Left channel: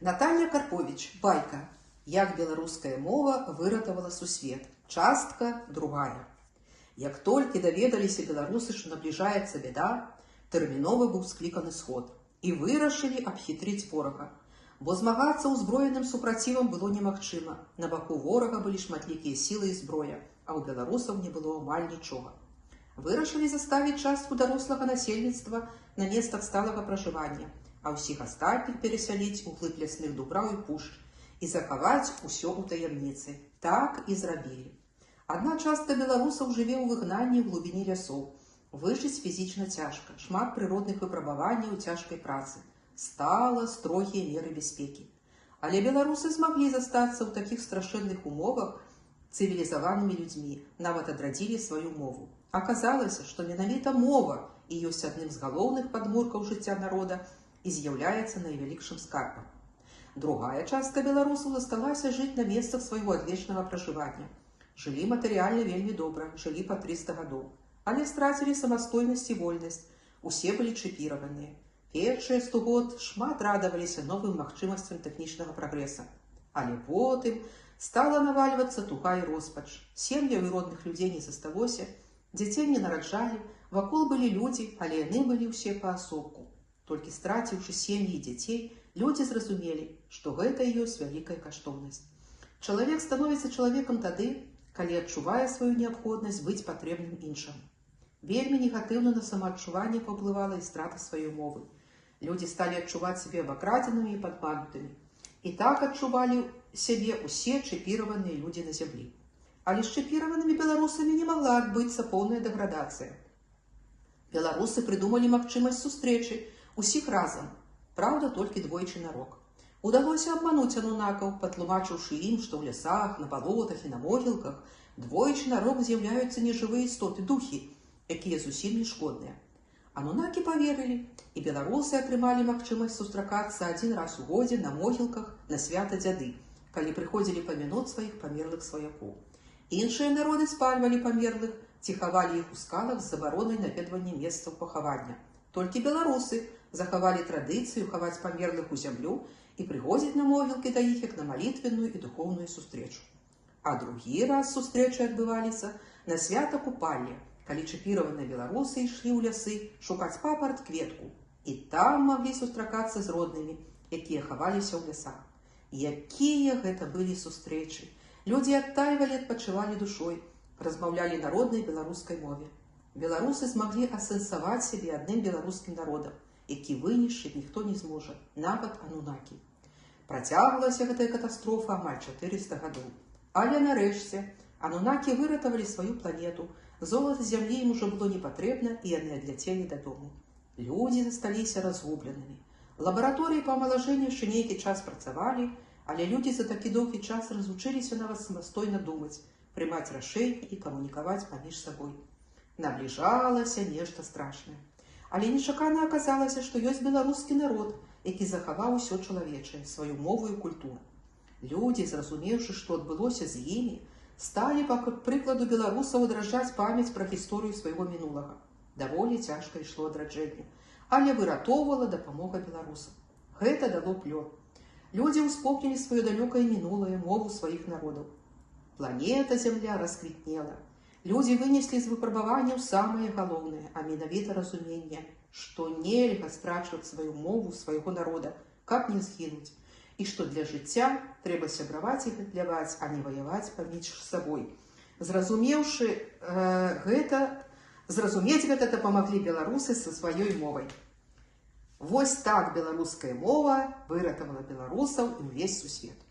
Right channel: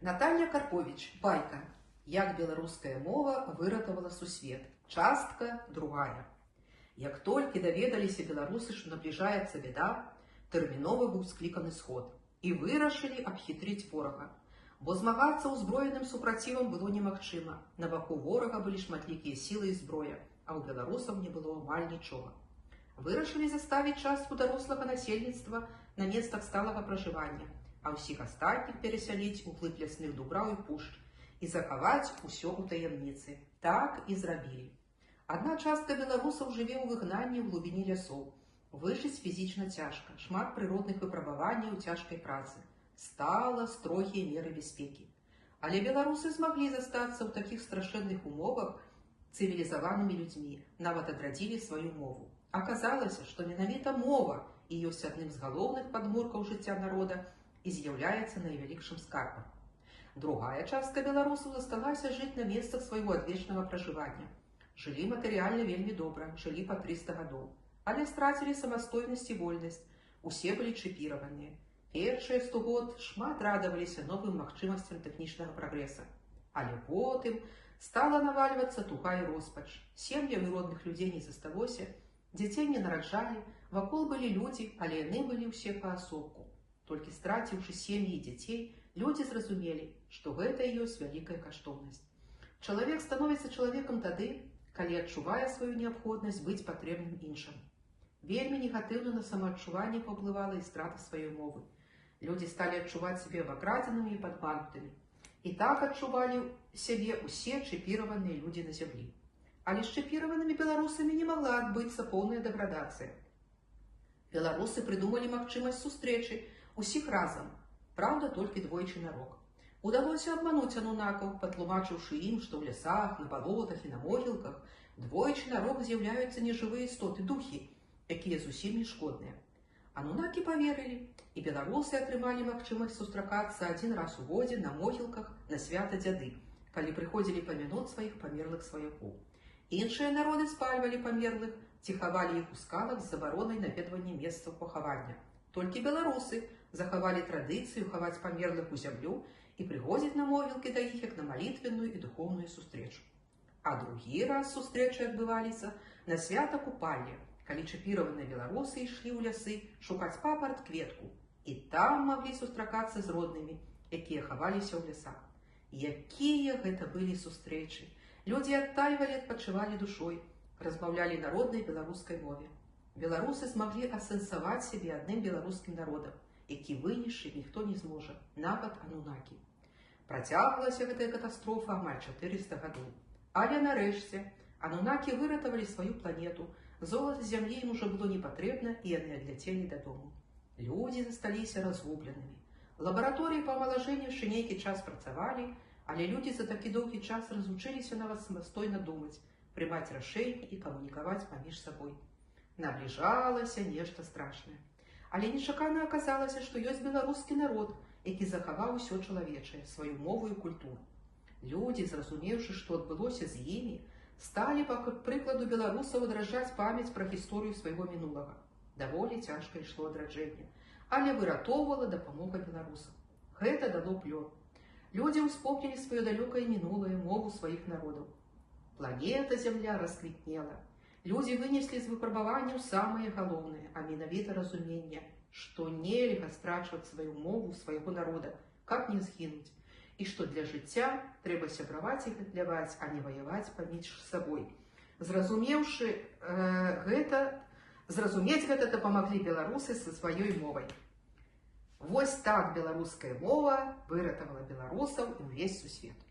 Наталья Карпович, байка. Як беларуская мова выратавала сусвет. Частка другая. Як толькі даведаліся беларусы, што набліжаецца бяда, тэрмінова быў скліканы сход. І вырашылі абхітрыць ворага. Бо змагацца ўзброеным супрацівам было немагчыма. На баку ворага былі шматлікія сілы і зброя, а ў беларусаў не было амаль нічога. Вырашылі заставіць частку дарослага насельніцтва на месцах сталага пражывання, а ўсіх астатніх перасяліць у глыб лясных дубраў і пушч і захаваць усё ў таямніцы. Так і зрабілі. Адна частка беларусаў жыве ў выгнанні ў глыбіні лясоў. Выжыць фізічна цяжка, шмат прыродных выпрабаванняў цяжкай працы. Стала строгія меры бяспекі. Але беларусы змаглі застацца ў такіх страшэнных умовах цывілізаванымі людзьмі, нават адрадзілі сваю мову. Аказалася, што менавіта мова і ёсць адным з галоўных падмуркаў жыцця народа і з'яўляецца найвялікшым скарбам. Другая частка беларусаў засталася жыць на месцах свайго адвечнага пражывання. Жылі матэрыяльна вельмі добра, жылі па 300 гадоў, але страцілі самастойнасць і вольнасць, усе былі чіпіраваныя. Першыя 100 год шмат радаваліся новым магчымасцям тэхнічнага прагрэса. Але потым стала навальвацца туга і роспач. Сем'яў і родных людзей не засталося, дзяцей не нараджалі, вакол былі людзі, але яны былі ўсе паасобку. Толькі страціўшы сем'і і дзяцей, людзі зразумелі, што гэта і ёсць вялікая каштоўнасць. Чалавек становіцца чалавекам тады, калі адчувае сваю неабходнасць быць патрэбным іншаму. Вельмі негатыўна на самаадчуванне паўплывала і страта сваёй мовы. Людзі сталі адчуваць сябе абакрадзенымі і падманутымі. І так адчувалі сябе ўсе чіпіраваныя людзі на зямлі. Але з чіпіраванымі беларусамі не магла адбыцца поўная дэградацыя. Беларусы прыдумалі магчымасць сустрэчы усіх разам, праўда, толькі двойчы на рок. Удалося абмануць анунакаў, патлумачыўшы ім, што ў лясах, на балотах і на могілках двойчы на рок з'яўляюцца нежывыя істоты, духі, якія зусім не шкодныя. Анунакі паверылі, і беларусы атрымалі магчымасць сустракацца адзін раз у годзе на могілках на свята дзяды, калі прыходзілі памянуць сваіх памерлых сваякоў. Іншыя народы спальвалі памерлых, ці хавалі іх у скалах з забаронай наведвання месцаў пахавання. Толькі беларусы захавалі традыцыю хаваць памерлых у зямлю і прыходзіць на могілкі да іх як на малітвенную і духоўную сустрэчу. А другі раз сустрэчы адбываліся на свята купання, калі чіпіраваныя беларусы ішлі ў лясы шукаць папарат-кветку, і там маглі сустракацца з роднымі, якія хаваліся ў лясах. Якія гэта былі сустрэчы! Людзі адтайвалі, адпачывалі душой, размаўлялі на роднай беларускай мове. Беларусы змаглі асэнсаваць сябе адным беларускім народам, які вынішчыць ніхто не зможа, нават анунакі. Працягвалася гэтая катастрофа амаль 400 гадоў. Але нарэшце анунакі выратавалі сваю планету, золата зямлі ім ужо было не патрэбна, і яны адляцелі дадому. Людзі засталіся разгубленымі. Лабараторыі па амалажэнню яшчэ нейкі час працавалі, але людзі за такі доўгі час разучыліся нават самастойна думаць, прымаць рашэнні і камунікаваць паміж сабой. Набліжалася нешта страшнае. Але нечакана аказалася, што ёсць беларускі народ, які захаваў усё чалавечае, сваю мову і культуру. Людзі, зразумеўшы, што адбылося з імі, сталі, па прыкладу беларусаў, адраджаць памяць пра гісторыю свайго мінулага. Даволі цяжка ішло адраджэнне, але выратоўвала дапамога беларусам. Гэта дало плён. Людзі ўспомнілі сваё далёкае мінулае, мову сваіх народаў. Планета Зямля расквітнела. Людзі вынеслі з выпрабаванняў самае галоўнае, а менавіта разуменне, што нельга страчваць сваю мову свайго народа, каб не згінуць, і што для жыцця трэба сябраваць і гатляваць, а не ваяваць паміж сабой. Зразумець гэта дапамаглі беларусы са сваёй мовай. Вось так беларуская мова выратавала беларусаў і ўвесь сусвет.